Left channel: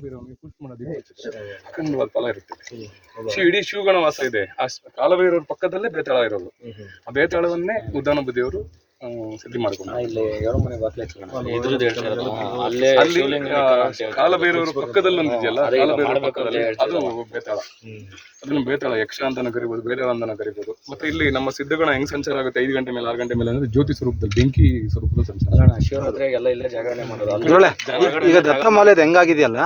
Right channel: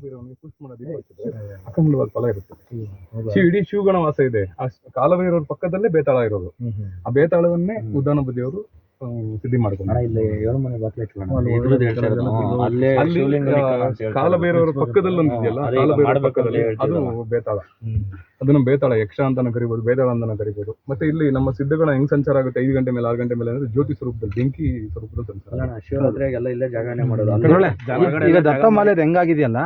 Push ಮಾಡೋದು ಅಖಂಡವಾದ ಫಲ ಇರುತ್ತೆ. ಇಡೀ ಶಿವಗಣ ವಾಸ ಇದೆ. ಆ ಕಾಲಭೈರವ್ರ ಪಕ್ಕದಲ್ಲೇ ಬೇತಾಳ ಇರೋದು. ಆ ಬೇತಾಳವನ್ನೇ ಉದ್ದಾನ ಬದಿಯವರು ಸಿದ್ಧಿ ಮಾಡ್ಕೊಂಡು ಕಾಲಭೈರವರ ಪಕ್ಕದಲ್ಲಿ ಒಂದಿದೆಯಲ್ಲ, ಕಾಲಭೈರವರ ಪಕ್ಕದಲ್ಲಿ ಅದು ಬೇತಾಳ. ಅದನ್ನು ಬೇತಾಳ ಯಕ್ಷ ಅಂತಾನೆ ಕರಿಬಹುದು, ಬೇತಾಳ ಅಂತಾನೆ ಕರಿಬಹುದು. ಮತ್ತೆ ಇಲ್ಲಿ ನಮ್ಮ ಸಿದ್ಧಗಣ ಹೆಂಗ್ ಸಂಚಾರ ಆಗುತ್ತೆ 5 ಗಂಟೆ ಮೇಲೆ 6 ಗಂಟೆ ಮೇಲೆ ಅಂದ್ರೆ ಜ್ಯೋತಿ ಸ್ವರೂಪದಲ್ಲಿ, ಬೆಂಕಿ ಸ್ವರೂಪದ ಸಂಚಾರ. ಶಿವರಾತ್ರಿಯಾಗ ಎಲ್ಲ ಇಲ್ಲೇ ಜಾಗರಣೆ ಮಾಡೋದು. ಈಗ ದತ್ತಮಾಲೆ ಹೆಂಗಾಗಿದೆಯಲ್ಲ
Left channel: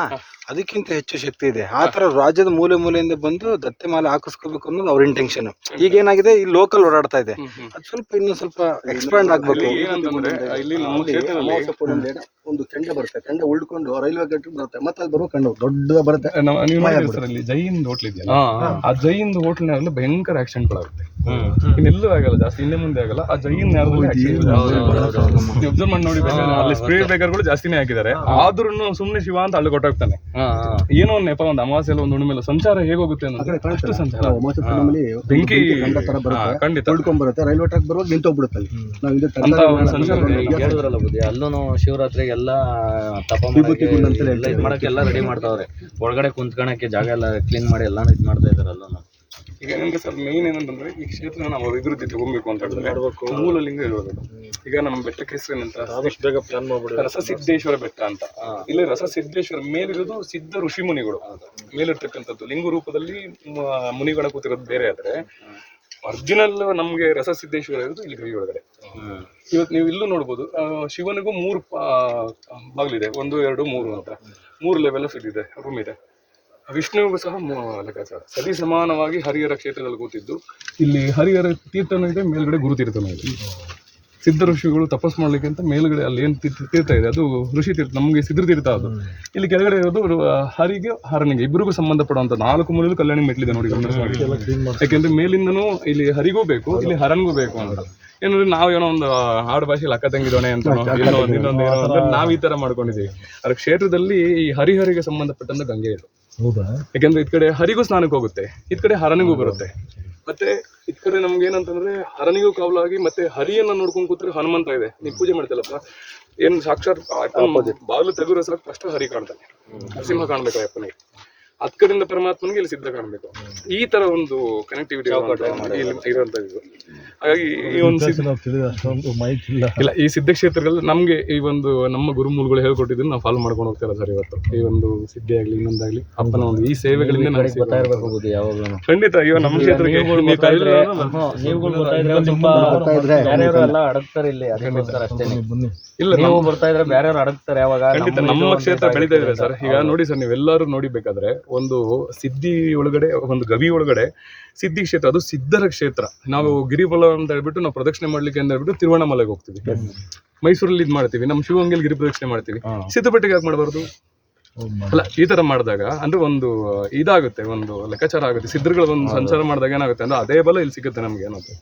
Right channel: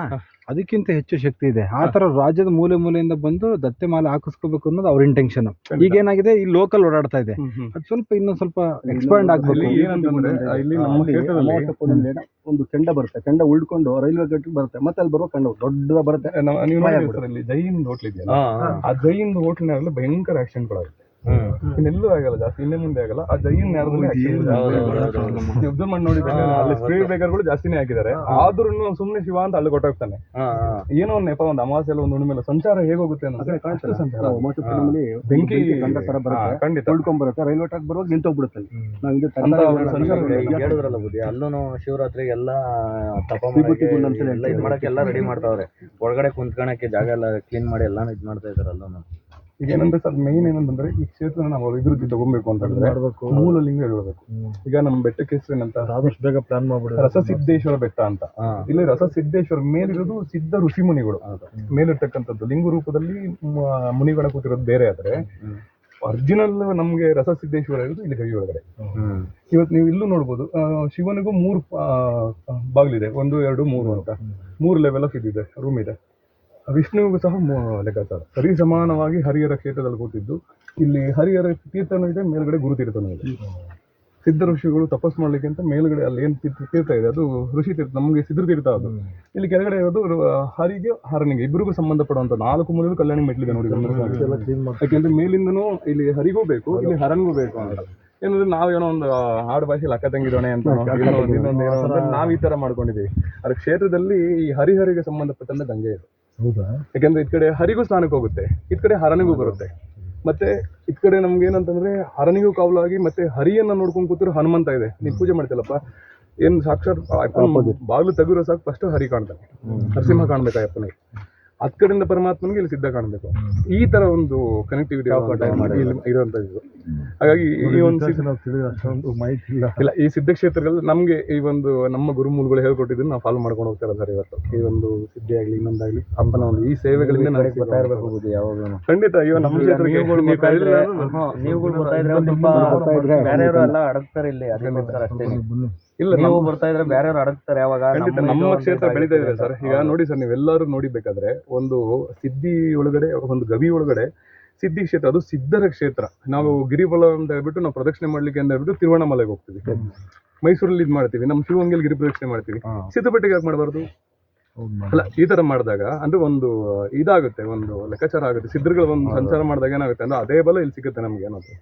ಅದಕ್ಕಿಂತ ಹೆಚ್ಚು ಶಕ್ತಿ ಇದೆ. ಆ ತರ ರಾಜ್ಯದ ಮೂಲೆ ಮೂಲೆಯಿಂದ ಬಂದು ದತ್ತೆ ಮಾಲೆ ಹಾಕಿಸ್ಕೋಬೇಕು ಅನ್ನೋದು ಅವ್ರ ಇಂಟೆನ್ಷನ್. ಈಗ ಏನಾಗಿದೆ, ಈ ಲೋಕಲ್ ಓಡಾಡ್ತಾ ಇದೆ, ಅದು ಸ್ವಲ್ಪ ಇನ್ನೂ ಸ್ವಲ್ಪ ಎಕ್ಸ್ಪಾಂಡ್ ಆಗ್ಬೇಕು. ಇಲ್ಲಿ ನಮ್ಮ ಕ್ಷೇತ್ರದಲ್ಲಿ ಒಂದು ಕೆಂಡ ಬರುತ್ತೆ, ಕೆಂಡ ಉಳ್ಕೊಂಡು ರೈಲ್ವೆ ಗೇಟ್ ಬರುತ್ತೆ, ಮತ್ತೆ ಅಲ್ಲಿ ಬರುವ ಕೆಂಡ ದೊಡ್ಡ ಬರುತ್ತೆ. ನೀವು ನೋಡಿದ್ರೆ ಸರ್, ಇಲ್ಲಿ ಜೈಹಿಂದ್ ಹೋಟ್ಲ್ ಇದೆಯಲ್ಲ, ಆ ಜೈಹಿಂದ್ ಹೋಟ್ಲ್ನಲ್ಲಿ ಭಯಂಕರ ಆಕ್ಸಿಡೆಂಟ್ಗಳಾಗುತ್ತೆ. ಇನ್ನೆಲ್ಲೂ ಆಗಲ್ಲ ಜಾಸ್ತಿ, ಹಿಂದೆ ಮುಂದೆ ಆಗಲ್ಲ. ಆ ಜೈಹಿಂದ್ ನೇರದಲ್ಲಿ ಅಬ್ಸರ್ವ್ ಮಾಡಿ ನೋಡಿ, ಅಲ್ಲಿ ಸ್ಪೀಡ್ ಬ್ರೇಕರ್ಗಳು ಜಾಸ್ತಿನೇ ಹಾಕಿದ್ದಾರೆ. ಆದ್ರೂ ಸುಮ್ನೆ ಶಿವ ಅಂತ ಅಲ್ಲಿ ಕೊಟ್ಟಾಗ್ತಾನೆ. ಏನೋ ಒಂದು ನೆಪ, ಒಂದು ಅಮಾವಾಸ್ಯೆ ಒಂದು ಹುಣ್ಣಿಮೆ ಸಂಚಾರ ಹೇಗೋಗುತ್ತೆ ಅನ್ನೋದು ಅಷ್ಟು ಸಂಚಾರ. ಬೆಂಕಿ ಖಂಡಿತ ಉಳ್ಕೊಂಡ್ ಬರುತ್ತೆ, ರೈಲ್ವೆ ಟ್ರ್ಯಾಕ್ ಬರುವಾಗ ನಿಂತೋಗ್ಬಿಡುತ್ತೆ ಅಲ್ಲಿ. ಹೇಳಿದ್ರಲ್ಲ ಬುದ್ಧಿ, ಅಲ್ಲೂ ಶಿವರಾತ್ರಿಗೆ ಎಲ್ಲ ತಪ ಮಾಡಕ್ಕೆ ಎಲ್ಲ ರೆಡಿ ಮಾಡ್ತಾವ್ರೆ. ಒಳಗಡೆ ಕುಂತ್ಕೊಳಕ್ಕೆ ಜಾಗ ಎಲ್ಲ ಕ್ಲೀನ್ ಮಾಡಿ ಎಲ್ಲ ಇದ್ ಮಾಡ್ತಾ ಇದಾರೆ ಅಲ್ಲೂ. ಈಗ ಏನಂದ್ರೆ ಸರ್, ಮೇನ್ ಏನಂತಂದ್ರೆ ಈ ಕ್ಷೇತ್ರ ನಾವು ಅಭಿವೃದ್ಧಿ ತಗೊಬೇಕು ಅಂತ ಹೇಳಿದ್ರೆ ಮೂಲ ಲಿಂಗ ಇರಬೇಕು. ಈಗ ನಮ್ಮ ಬೆಟ್ಟಕ್ಕೆ ಹೆಸರೇನಂತ ಬೇಗ ಪ್ಲಾನ್ ಮಾಡ್ಬಿಡಿ, ರಸಸಿದ್ದೇಶ್ವರ ಬೆಟ್ಟ ಅಂತ. ಇಲ್ಲಿ ರಸಸಿದ್ದೇಶ್ವರ ಮೇಲಿರೋದು ಸಿದ್ಧ ಋಷಿ ಮುನಿಗಳು ಮೇಲಿರ್ತಕ್ಕಂಥದ್ದು. ಲಿಂಗ ರೂಪದಲ್ಲಿ ಮುನಿಗಳ ಕೂತಿರೋದು ಬೇರೆ. ಆದ್ರೆ ಒರಿಜಿನಲ್ ನಮ್ಗೆ ರಸಸಿದ್ದೇಶ್ವರ ಇರೋದು ಇಲ್ಲಿ ಗವಿ ಒಳಗಡೆ. ಇವತ್ತು ನೀವು ಇಲ್ಲೂ ನೋಡ್ಬೋದು, ಶಿವನಿಗೂ 3 ಬಾಗಿಲಿದೆ, 1, 2, 3 ಅಂತ 3 ಲೆವೆಲ್ ಆಫ್ ಇದಿದೆ, ರೂಮ್ ಇದೆ. ವಿಷ್ಣುವಿಗೂ ಸಹ ಲೆಕ್ಕಾಚಾರ ಸರಿ ಸಮಾನವಾಗಿ ಹರಿಹರ ಕ್ಷೇತ್ರದಲ್ಲಿ ಕೂತಿದ್ದು. ಇಲ್ಲಿ ಹರಿಹರ ತೀರ್ಥನೂ ಇದೆ, ಮೇಲ್ಗಡೆ ಗುರು ತೀರ್ಥನೂ ಇದೆ. ಸಿದ್ಧ ಋಷಿಗಳು ತಪಸ್ ಮಾಡ್ಲಿಕ್ಕೆ ಅಂತ ಮೇಲ್ಗಡೆ ಅಲ್ಲಿ ಏನ್ ತೀರ್ಥ ಇದೆ ಅದು ಋಷಿ ತೀರ್ಥ, ನಮಗೆ ಸಿದ್ಧ ತೀರ್ಥ. ಅದು ಇಲ್ಲಿ ಕೆಳಗಡೆ ಇರೋದು ಹರಿಗೆ ಹರನಿಗೆ ಇಬ್ಬರಿಗೂ ಸಂಬಂಧಪಡುವಂತ 4 ಮೂಲೆಯಲ್ಲೂ ಕಲ್ಯಾಣಿ ಮೆಟ್ಲಿದೆ ನೋಡಿ, ಯಾಕೆಂದ್ರೆ ಮೇಲಿಂದನೂ ಇಲ್ಲಿ ಹರಿಗೂ ಬೇಕು, ಇಲ್ಲಿ ಹರನ್ಗೂ ಬೇಕು ಅಂತ. ಏನಂದ್ರೆ ನಾವು ಏನೋ ಒಂದು ಆಡು ಭಾಷೆಯಲ್ಲಿ ಅಕ್ಕ ತಂಗಿದೋಣೆ ಅಂತ ಇನ್ನೊಂದು ನಾವ್ ಈ ತರ ಮಾಡ್ಕೊಂಡಿದ್ದೀವಿ. ಅದ್ರ ಕ್ಷೇತ್ರದಲ್ಲಿ ಈ ಹರಿಹರಿಗೆ ಸಂಬಂಧಪಟ್ಟಂತ ಗಂಗೆ ಇದೆ. ಯಾಕೆಂದ್ರೆ ಇದ್ ಕಡೆ ಹರಿಗೂ ಸ್ನಾನಕ್ಕೆ ಹೋಗುತ್ತೆ, ಇದ್ ಕಡೆ ಹರನಿಗೂ ಬರುತ್ತೆ. ಮತ್ತೆ ಇದ್ ಕಡೆ ನಮ್ಗೆ ಏನಂತಂದ್ರೆ ಹರನಿಗೂ ಕಾವಲಾಗಿ ಮತ್ತೆ ಹರಿಯನ್ನ ನೋಡ್ಕೊಂಡ್ ಕೂತಿರೋ ಹನುಮಂತ ಇದೆ. ನೀವು ಪೂಜೆ ಮಾಡ್ತಿಲ್ಲಪ್ಪ, ಏನ್ ಸಾಕ್ಷಾತ್ ಬಾಗಿಲು ತೆಗುರೋ ಸಾಕು ಫಸ್ಟ್ ಹರಿ ಕಾಣ್ತಾನೆ, ನರಸಿಂಹ ಕಾಣ್ಬೇಕು ಅಯ್ಯಪ್ಪನಿಗೆ. ಅದ್ ಕಡೆಯಿಂದ ಪರಮಾತ್ಮನಿಗೆ ಇಲ್ಲಿ ಸಿದ್ಧ ಕಾಣ್ಬೇಕು. ಈ ತರ ಒಂದು ಕನೆಕ್ಟಿವಿಟಿ ಇರುವಂತದ್ದು. ಹಾಗಾಗಿ ಈ ಒಂದು ಇಲ್ಲ, ಈ ಸಿದ್ಧ ಕ್ಷೇತ್ರಗಳಲ್ಲಿ ನಮ್ಗೆ ಈ ಒಂದು ನಮ್ಮ ಗುರುಮೂಲಗಳು ಹೇಳ್ಕೊಟ್ಟಿದ್ದನ್ನು ನಾವು ಫಾಲೋ ಮಾಡ್ಕೊಂಡು ಹೋಗ್ತಾರ ಸರ್. ಇವತ್ತು ಈ ಒಂದು ಸಿದ್ಧಿ ಆಗ್ಲಿ ಇನ್ನೊಂದಾಗ್ಲಿ ಅಪ್ಪನ ಒಂದು ಈ ಸೇವೆಗಳಿಂದ ಖಂಡಿತ. ಅಯ್ಯೋ ನಮ್ಮ ಕ್ಷೇತ್ರಕ್ಕೆ ಇಲ್ಲ, ನಾವು ಬರ್ತಾ ಇದ್ರೆ ಬೇರೆಯವ್ರು ಅಡಗ್ತಾರೆ. ಖಂಡಿತ ನಮ್ಮ ಕ್ಷೇತ್ರ ಬೆಳೀತಾ ಇದೆ ಸರ್. ಈಗ ನೋಡಿ ಸರ್, ನೀವೆಲ್ಲರೂ ನೋಡಿಬೇಕಾದ್ರೆ ಒಂದು ಸಿದ್ಧಿ ಒಳಗಡೆ, ಒಂದು ಗವಿ ಒಳಗಡೆ ಸಿದ್ಧಿ ಕ್ಷೇತ್ರ, ಅದು ಸಿದ್ಧರ ಕ್ಷೇತ್ರ. ನಾವು ಗಿರಿಬಲ ಅಂತ ಹೇಳ್ಬಿಟ್ಟು ನಾವು ಪ್ರದಕ್ಷಿಣೆ ಮಾಡ್ಲಿಕ್ಕೆ ಅಂತ ಹೇಳ್ಬಿಟ್ಟು ತಿರುವಣ್ಣಾಮಲೆಗೆ ಹೋಗ್ತೀವಿ, ಮೈಸೂರಲ್ಲಿ ಇದ್ ಮಾಡ್ತೀವಿ, ನಮ್ಮ ಶಿವಗಂಗೆಲ್ ಗಿರಿ ಪ್ರದಕ್ಷಿಣೆ ಮಾಡ್ತೀವಿ. ಸಿದ್ಧಪಟ್ಟಿಗೆ ಯಾಕೆ ಮಾಡಬಾರ್ದು? ಅಲ್ಲ, ಈ ತರ ಮಾಡಿದಾಗ ಅಂದ್ರೆ ಒಂದು ಇದಾಗುತ್ತೆ, ಒಂದು ಲೆಕ್ಕಾಚಾರ ಆಗುತ್ತೆ. ಸಿದ್ಧರುಗಳ ಒಂದು ಸಂಚಾರ ಮಾಡಿದಾಗ ಏನಾಗುತ್ತೆ ಅಂದ್ರೆ ಅದೇ ಬಲ ಇಲ್ಲಿ ಸಿಗುತ್ತೆ ನಮ್ಗೆ ಅನ್ನೋದು.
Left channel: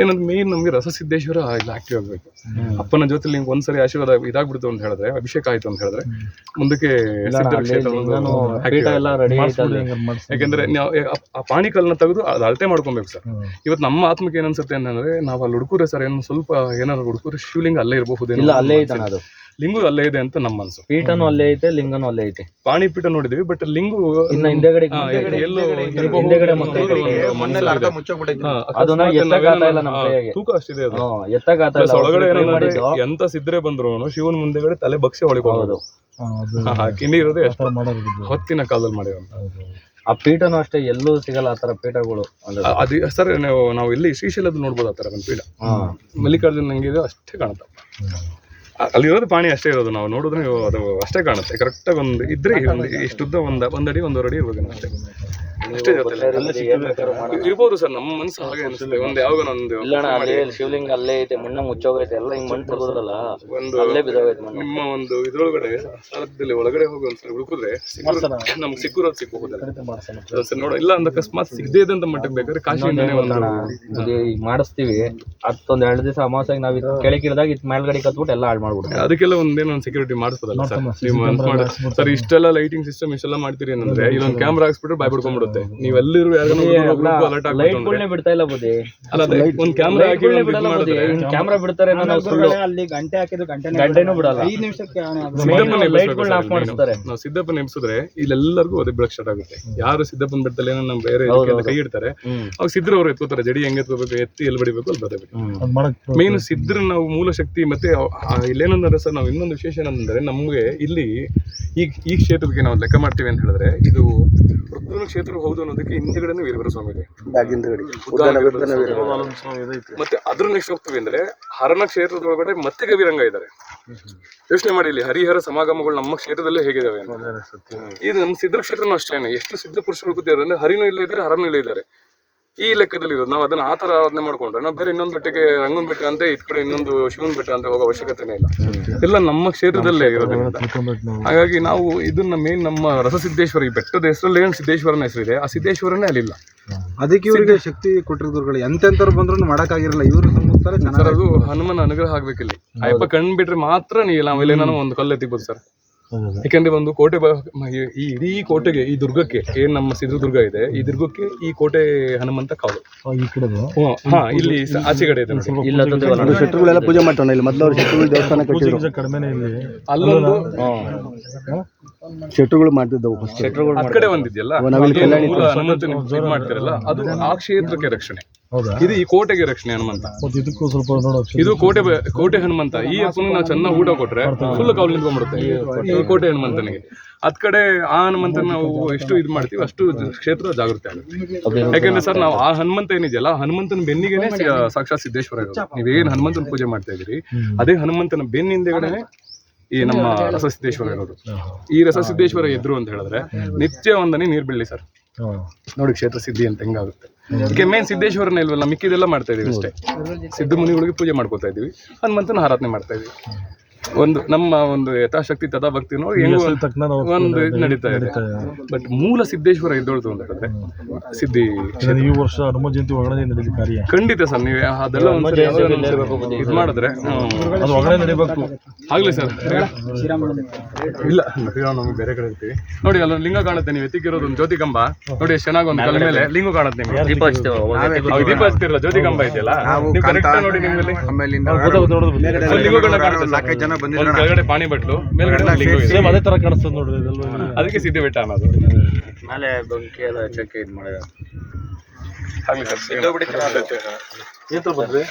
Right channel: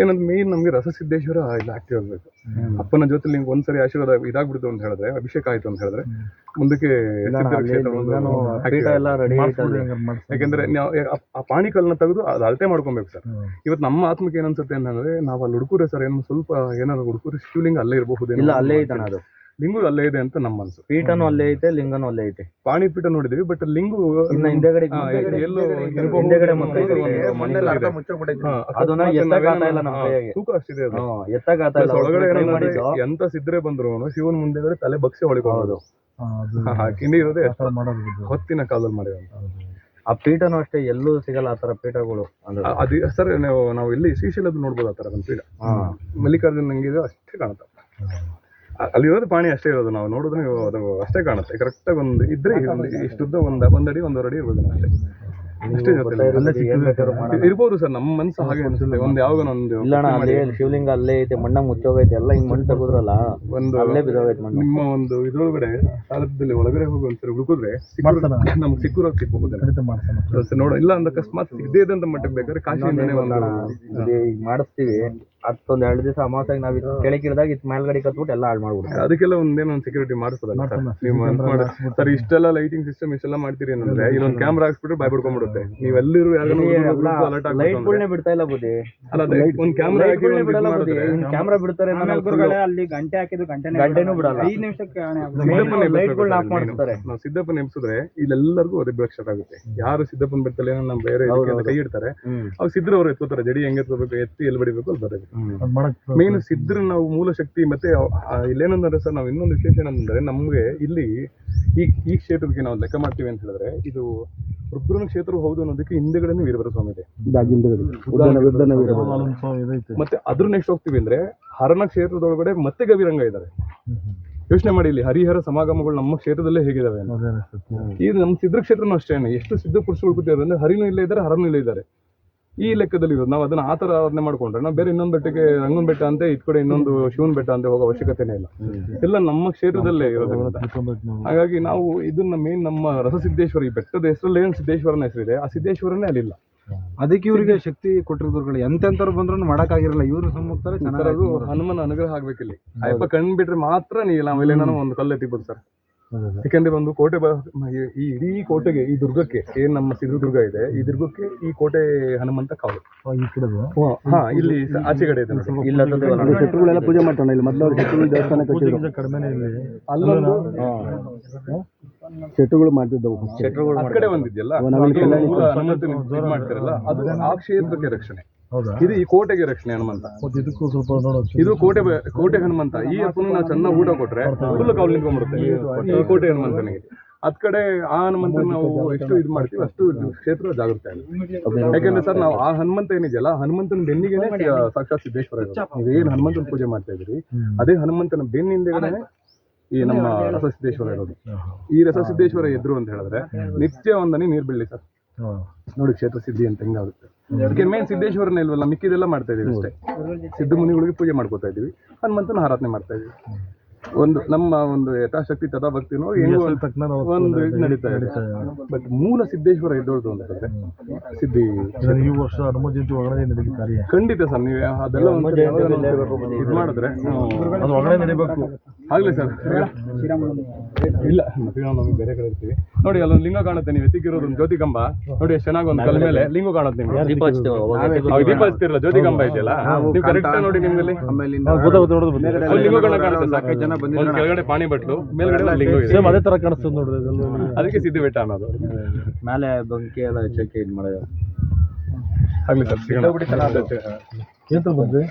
ಏನಂದ್ರೆ ಮೇನ್ ನಮ್ಗೆ ರಸಸಿದ್ದೇಶ್ವರ ಇಲ್ಲಿ ಆಕ್ಟಿವ್ ಆಗ್ಬೇಕು. ಅಪ್ಪನ ಜೊತೆ ನಿಮ್ಗೆ ಒಂದ್ಸರಿ ಆಶೀರ್ವಾದ ಇದಾಗ್ಬಿಡ್ತು ಅಂತ ಹೇಳಿದ್ರೆ, ಅಭಿಷೇಕ ಆಯ್ತು ಅಂತ ಹೇಳಿದ್ರೆ ಮುಂದಕ್ಕೆ ಯಾಕಂದ್ರೆ ಆ ಪಾಣಿಕಲ್ನ ತೆಗೆದು ಅದು ಅಳತೆ ಮಾಡ್ಕೊಬೇಕು ಸರ್. ಇವತ್ತು ನಮ್ಮ ಆತ್ಮಕ್ಕೆ ಏನ್ ಅನ್ಸುತ್ತೆ ಅಂತಂದ್ರೆ, ನಾವು ಅಲ್ಲಿ ಹುಡುಕೂರೆ ಸರ್, ಏನು ಸ್ವಲ್ಪ ಏನಾದ್ರು ಹುಡುಕೂರೆ ಶಿವಲಿಂಗ ಅಲ್ಲೇ ಇರಬಹುದು, ಅಲ್ಲೇ ಐತೆ, ಅದು ಲಿಂಗು ಅಲ್ಲೇ ಇದೆ ಅಂತ ನಮ್ಮ ಮನಸ್ಸು. ಪೀಠನೂ ಅಲ್ಲೇ ಐತೆ, ಲಿಂಗನೂ ಅಲ್ಲೇ ಐತೆ. ಪಾಣಿ ಪೀಠ ನೋಡಿದೀವಿ, ಬಟ್ ಲಿಂಗು ಇನ್ನ ಹಿಂದೆಗಡೆ ತೂಕ ಅಷ್ಟಿದೆ. ಒಳಗಡೆ ಎಂತ ಸಿದ್ರೆ ಬಂದ್ರು ಶಿವನ್ ಮುಂದೆಗಡೆ ತಲೆ ಬಗ್ಸೆ ಹೊಳಿಬಹುದು. ಕಿಂಡಿ ಇರೋದು ಹೊತ್ತಿನ ಕಾಲದಲ್ಲಿ ಮಾಡಿರೋ ಆ ಪೀಠನೂ ಅಷ್ಟೇ, ಎಲ್ಲೂ ಸಿಗಲ್ಲ ಆ ತರ ಪೀಠಗಳು. ಅದು ಸರ್, ನಾವು ಇಲ್ಲಿ ಶ್ರೀಶೈಲದ ನೋಡ್ಬೋದು ಆ ತರ ಒಂದು ಪೀಠ. ಮಲ್ಲಿಕಾರ್ಜುನ ನಂಗೆ ಅಷ್ಟೇ ಕಾಣುತ್ತೆ, ಅಲ್ಲಿರೋದು ಪಾಣಿ ಅಷ್ಟೇ ಇರೋದು. ನಾವು ನೋಡಿದ್ರೆ ಅದು ಅಷ್ಟೇ ಕಾಣುತ್ತೆ. ಕರೆಕ್ಟಾಗಿ ಒಂದು ಇದ್ರೆ ಇಷ್ಟುದ್ದ ಒಂದಡಿ 1.5 ಅಡಿ ಇರ್ಬೇಕು ಅಷ್ಟೇ. ಅಷ್ಟೇ ಜೊತೆ ಇರ್ಬೋದು ಸರ್. ನಮ್ಮ ಮನಸ್ಸು ಹಾಗೆ ಅನಿಸುತ್ತೆ. ಒಂದು ಯಾವಾಗ ಒಂದು ಶಿವಲಿಂಗ ಅಲ್ಲೇ ಐತೆ, ಮಣ್ಣ ಮುಚ್ಚೋಗೈತೆ, ಎಲ್ಲ ಹಿಂಗ್ ಮಣ್ಣು ತೆಗೆದ್ರಲ್ಲ ಒಂದು ನಿಮ್ಮ ಒಂದು ಇದ್ರೊಳಗಡೆ ಸಾರಥ್ಯದಲ್ಲಿ ಒಳಗಡೆ ಹೋಗಿ ಒಂದ್ಸರಿ ಹುಡುಕಿದ್ರೆ ನಮ್ಗೆ ಸಿಕ್ಕಿರೋದು ಸಿಕ್ಕೋಬೋದಲ್ಲ ನೋಡ. ಇಲ್ಲ ಅಂದ್ರೆ ಅಕಸ್ಮಾತ್ ಸಿಗದೇ ಇದ್ದಂತ ಮಟ್ಟಕ್ಕೆ ಬೇಕಾದ್ರೆ ಕಾಶಿಯಿಂದಾನೆ ಒಂದು ಮಾಡಿಸ್ತೀವಿ. 2 ದಿವಸ ಅಮಾವಾಸ್ಯಾಗ ನಾವ್ ಕೆಳಗಿರಿದಾಗ ಇದ್ ಮೇಲ್ಗಡೆ ಕತ್ಬಿಟ್ಟು ಎಲ್ಲ ಹಾಳು ಮಾಡ್ಬಿಡ್ತೀವಿ. ಅದಕ್ಕೆಲ್ಲ ಒಂದೇನೋ ಒಂದು ಸೆಕ್ಯೂರಿಟಿ ಮಾಡಿಸ್ಬೋದಲ್ಲ ಸರ್. ನೀವು ಸರ್ ಇಷ್ಟೆಲ್ಲ ಲೈಟಿಂಗ್ ಸಿಸ್ಟಮ್ ಇಷ್ಟೆಲ್ಲ ಮಾಡ್ತೀರಿ ಅಂದ್ರೆ ಇಲ್ಲೊಂದು ಕ್ಯಾಮ್ರಾ ಹಾಕ್ಸ್ಬಿಟ್ರೆ ಬಾಯ್ ಬಿಡ್ಕೊಂಡ್ಬಿಡುತ್ತೆ. ಬರುತ್ತೆ. ನೀವು ಎಲ್ಲಿರುವ ಅಲರ್ಟ್ ಲೈಟ್ಗಳನ್ನೇ ಬಿಡ್ತಾ ಇಲ್ಲ ಬುದ್ಧಿ, ಅಲ್ಲ ಅದೇ ಒಂದು ಕ್ಯಾಮ್ರಾ ಹಾಕಿ ಒಂದು ಬಿಡಲ್ಲ ಇದು ಬುದ್ಧಿ. ಮಾಡಿದ್ರೆ ಕ್ಯಾಮ್ರಾ ಬಿಡ್ತಾರೆ, ಅಲ್ಲಿ ಗಂಟೆ ಹಾಕಿದ್ರು ಗಂಟೆನೂ ಬಿಡಲ್ಲ. 5 ನಿಮಿಷಕ್ಕೆ ಸಿದ್ದಪ್ಪನ ಲೈಟ್ಗಳನ್ನ ಆಫ್ ಮಾಡಿಸ್ತಾರೆ. ನಾವು ಸಿದ್ದಪ್ಪನ ಎಬ್ಸಿದ್ರೆ ಇಲ್ಲೆಲ್ಲರಿಗೂ ಅದೇ ಬೆಳಕ್ ಸ್ಟಾರ್ಟ್ ಆಗುತ್ತೆ. ಯಾರು ಸಿದ್ದಪ್ಪನ ಬೆಟ್ಟದಲ್ಲಿ ಏನೋ ನಮ್ಮ ಬೇರೆ ಇದಕ್ಕೆಲ್ಲ ಕೈ ಇಡ್ತಾರೆ, ಅವಾಗ ಸಿದ್ರು ಅವ್ರು ಎತ್ಕೋತಾರೆ. ಜಡಿ ಹೆಂಗೆ ಎತ್ಕೋಬೇಕು, ಎತ್ತಿ ಎಲ್ಲಿ ಬಡಿಬೇಕು ಅಲ್ಲಿ ಬರಬೇಕು. ಮೇನ್ ಸಿದ್ರ ನಾವು ಮೂಲ ಶಕ್ತಿ. ಮತ್ತೆ ಇಲ್ಲೇನಂದ್ರೆ ಸರ್, ನಾವು ಇನ್ನೊಂದು ವಿಶೇಷ ಏನಂದ್ರೆ, ನಮ್ಗೆ ಇಲ್ಲಿ ಈ ಕ್ಷೇತ್ರಕ್ಕೆ ನಾವು ಲೆಕ್ಕ ಮಾಡ್ತೀವಿ ಅಂತ ಹೇಳಿದ್ರೆ, ಇದು ರುದ್ರನ ಕ್ಷೇತ್ರ ಹೌದು ಅನ್ನೋದಕ್ಕೆ ಹಿಂದೆಗಡೆ ವೀರಭದ್ರ ಸ್ವಾಮಿ ಇದೆ. ಮತ್ತೆ ಅದ್ರ ನೆಕ್ಸ್ಟ್ ಹೋಗ್ತೀವಿ ಅಂದ್ರೆ ಹರನ ಕ್ಷೇತ್ರದೊಳಗಡೆ ಮತ್ತೆ ಗವಿರಂಗ ಇದ್ದಾರೆ. ಯೋಚನೆ ಮಾಡಿ, ಇಲ್ಲಿ ಹರಿಹರ ಸಮಾಗಮಗಳು ನಮ್ಮ ಕ್ಷೇತ್ರದಲ್ಲೇ ಹೇಗಿದಾವೆ ಅಂತ. ಇದು ನಮ್ಮ ಸಿದ್ರ ಕ್ಷೇತ್ರನೂ ಅಷ್ಟೇನೆ. ಎಷ್ಟು ಸಿದ್ಧ ಪುರುಷರು ಕೂತಿದ್ದಾರೆ ಅಂದ್ರೆ ಹರಿನೂ ಇಲ್ಲೇ ಇದ್ದಾರೆ, ಹರನೂ ಇಲ್ಲೇ ಇದ್ದಾರೆ. ಈ ಲೆಕ್ಕದಲ್ಲಿ ಇರೋದು. ನಾವು ಅದನ್ನ ಆ ಥರ ಆರಾಧನೆ ಮಾಡ್ಕೊಂಡ್ರೆ ನಾವು ಬೇರೆ ಇನ್ನೊಂದು ಬೆಟ್ಟಕ್ಕೆ ರಂಗನ ಬೆಟ್ಟ ಅಂತ ಈ ಕಡೆ ಇನ್ನೊಂದು ಶಿವನ ಬೆಟ್ಟ ಅಂತ ಹೋಗೋ ಅವಶ್ಯಕತೆನೇ ಇಲ್ಲ. ಎಲ್ಲ ನಮ್ಮ ಕ್ಷೇತ್ರದಲ್ಲೇ ಇರೋದ್ರಿಂದ ಹಾಗಾಗಿ ನಾವು ಇದನ್ನ ಮೇನ್ ನಮ್ಮ ರಸಸಿದ್ದೇಶ್ವರ, ಈ ಬೆಟ್ಟದ ಹೆಸರಲ್ಲಿ ಏನು ಸಿದ್ದೇಶ್ವರನ ಹೆಸರಿದೆ, ಆ ಸಿದ್ದೇಶ್ವರನೇ ಅಲ್ಲಿಲ್ಲ. ಅದಕ್ಕೆ ಇವರಿಗೆ ಶಕ್ತಿ ಕೊಟ್ಟಿರೋದುಗಳು ಎಂತೆಂಥವ್ರು ಬಂದ್ರು ಮಾಡಕ್ಕಾಗಿರಲ್ಲ. ಇವರು ಸರ್, ಅದು ಹನುಮನ ಅನುಗ್ರಹ ಆಗ್ಬೇಕಿಲ್ಲಿ. ಅಯ್ಯಪ್ಪ ಕಣ್ ಬಿಟ್ರೆ ಮಾತ್ರ ನೀವು ನಾವೆಲ್ಲೇನೋ ಒಂದು ಕಲ್ಲು ಎತ್ತಿಬೋದು ಸರ್. ಯಾಕಂದ್ರೆ ಒಂದು ಕೋಟೆ ಈ ಇಡೀ ಕೋಟೆಗೆ, ಈ ದುರ್ಗಕ್ಕೆ ಏನ್ ನಮ್ಮ ಸಿದ್ಧದುರ್ಗ ಇದೆ, ಈ ದುರ್ಗಕ್ಕೆ ಈ ಕೋಟೆ ಹನುಮಂತ ಕಾವಲು. ಇಲ್ಲಿ ಆಚೆ ಕಡೆ ಇದೆ ನೋಡಿ. ಶತ್ರುಗಳೆಲ್ಲ ಪೂಜೆ ಮಾಡ್ತಾನೆ ಇಲ್ಲಿ. ಮೊದಲು ಅವ್ರು ಶತ್ರುಗಳ ದೇವಸ್ಥಾನ ಕಟ್ಟಿದ್ರು. ಅಲ್ಲೊಂದು ಶತ್ರುಗಳು ಮಾಡ್ತಿದ್ದವು. ಆ ಕಡೆ ಒಂದಿದೆಯಲ್ಲ, ಹನುಮಂತನ ಇದ್ ಮಾಡ್ತಾರಲ್ಲ, ಅದು ಆ ಕ್ಷೇತ್ರಕ್ಕೆ ರಕ್ಷಣೆ. ಇದು ಈ ಕೋಟೆಗೆ ರಕ್ಷಣೆ ಹನುಮಂತ. ಇದು ಕೋಟೆ ಹನುಮಂತ. ಈ ಅಪ್ಪನ ನಾವು ಚೆನ್ನಾಗಿ ಊಟ ಕೊಟ್ರೆ ಫುಲ್ ಕಾವಲು ನಿಂತ್ಕೊಂಡ್ಬಿಡುತ್ತೆ ಈ ಕೋಟೆ ಹನುಮಂತನಿಗೆ. ಅದ್ ಕಡೆ ಆ ಹನುಮಂತನ ನಾವು ಎಷ್ಟು ಇದು ಮಾಡ್ತೀವಿ ಅಷ್ಟು ಕ್ಷೇತ್ರ ಜಾಗೃತಿ ಆಗುತ್ತೆ. ಯಾಕಂದ್ರೆ ಸರ್, ನಾವು ಆ ಹನುಮಂತ ಏನಿದೆಯಲ್ಲ, ಹನುಮಂತನ ಬೆನ್ನಿಗೆನೆ ಸಾಕ್ಷಾತ್ ಸಿದ್ದೇಶ್ವರ ಇರೋದು. ನೀವೇನ್ ಹನುಮಂತನ ಪೂಜೆ ಮಾಡ್ತಾ ಇದ್ದೀರಿ, ಅದೇ ಹನುಮಂತನ ಬೆನ್ನಿಂದೆಗಡೆ ಈ ನಮ್ಮ ರಸಸಿದ್ದೇಶ್ವರ ಇರೋದು. ಈ ರಸಸಿದ್ದೇಶ್ವರ ಎದ್ರು ಅಂತ ಹೇಳಿದ್ರೆ ನಿತ್ಯ ಒಂದನೇ ನೀರ್ ಬೀಳಲಿ ಸರ್, ನೋಡಿ ಕ್ಷೇತ್ರ ಸಿದ್ಧಿ ಅಂತ ಹೆಂಗಾಗುತ್ತೆ. ಅದಕ್ಕೆ ಮೇನ್ ಸಿದ್ದೇಶ್ವರನ ಇಲ್ವಲ್ಲ, ಮಿಕ್ಕಿದೆಲ್ಲ ಮಾಡ್ತಾ ಇದೀವಿ ಅಷ್ಟೇ. ಸಿದ್ಧ ಮುನಿಗಳಿಗೆ ಪೂಜೆ ಮಾಡ್ಕೋತಾ ಇದೀವಿ, ಹನುಮಂತನ ಆರಾಧನೆ ಮಾಡ್ತಾ ಇದೀವಿ. ಒಂದು ನಮ್ಮ ಒಂದು ಯಥಾಶಕ್ತಿ ತಥಾ ಭಕ್ತಿ ನೋಡಿ ಹೆಂಗೋ ಒಂದು ಇದು ನಡೀತಾ ಇದೆ. ಬಟ್ ಮೂಲ ಸಿದ್ದೇಶ್ವರ ಎದ್ದೊಳ್ತು ಅಂತ ಹೇಳಿದ್ರೆ ಸಿದ್ಧಿ ಈ ವರ್ಷ ಹನುಮ ಜಯಂತಿ ಒಳಗಡೆ ನಡೆದ ಕಾರ್ಯ ಖಂಡಿತ ಸರ್. ನೀವು ಅದೆಲ್ಲ ಒಂದ್ಸರಿ ಇದು ಮಾಡಿದ್ರೆ ಅದು ಒಳಗಡೆ ನಡೀಬೇಕು. ಆಗ್ಲಿ ಸರ್. ಇಲ್ಲ, ನಮಗೆ ಬೇರೆ ಕಡೆ ಇರ್ತೀವಿ ನೋಡಿ. ಅಲ್ಲೊಂದು ಲಿಂಗ ಕಾಣುತ್ತೆ, ನೀವು ಎತ್ತಿಕ್ಕಿರೋದು ಒಂದು ಜ್ಯೋತಿ ಕಂಬ ನೋಡಿ. ಎಷ್ಟು ಚೆನ್ನಾಗಿ ಒಂದು ಕಲ್ ಮೇಲೆ ಲಿಂಗ ಕಾಣುತ್ತೆ ನಿಮ್ಗೆ. ದೀಪ ಹಚ್ತಿರಲ್ಲ, ಜ್ಯೋತಿ ಕಂಬ ಇದೆಯಲ್ಲ, ನೀವು ಕರೆಕ್ಟ್ ನೋಡಿ. ನಿಮ್ಮಲ್ಲಿ ಕೆಳಗಡೆ ಪಾಣಿ ಬಟ್ಲು, ಮೇಲ್ಗಡೆ ಲಿಂಗ. ಅದೇ ತರ ಕಾಣಿಸ್ತದೆ ನೋಡ್ರಿ, ಅದಕ್ಕೆ ಸಿದ್ಧಿ ಬೆಟ್ಟ ಅನ್ನೋದು. ಮೇಲೆ ಬಂಕಿ ಎಲ್ಲ ಚೆಕ್ ಇದು ಮಾಡಿದ. ಆಗ್ಲಿ ಸರ್. ಏನ್ ಬಂದ್ರಿ?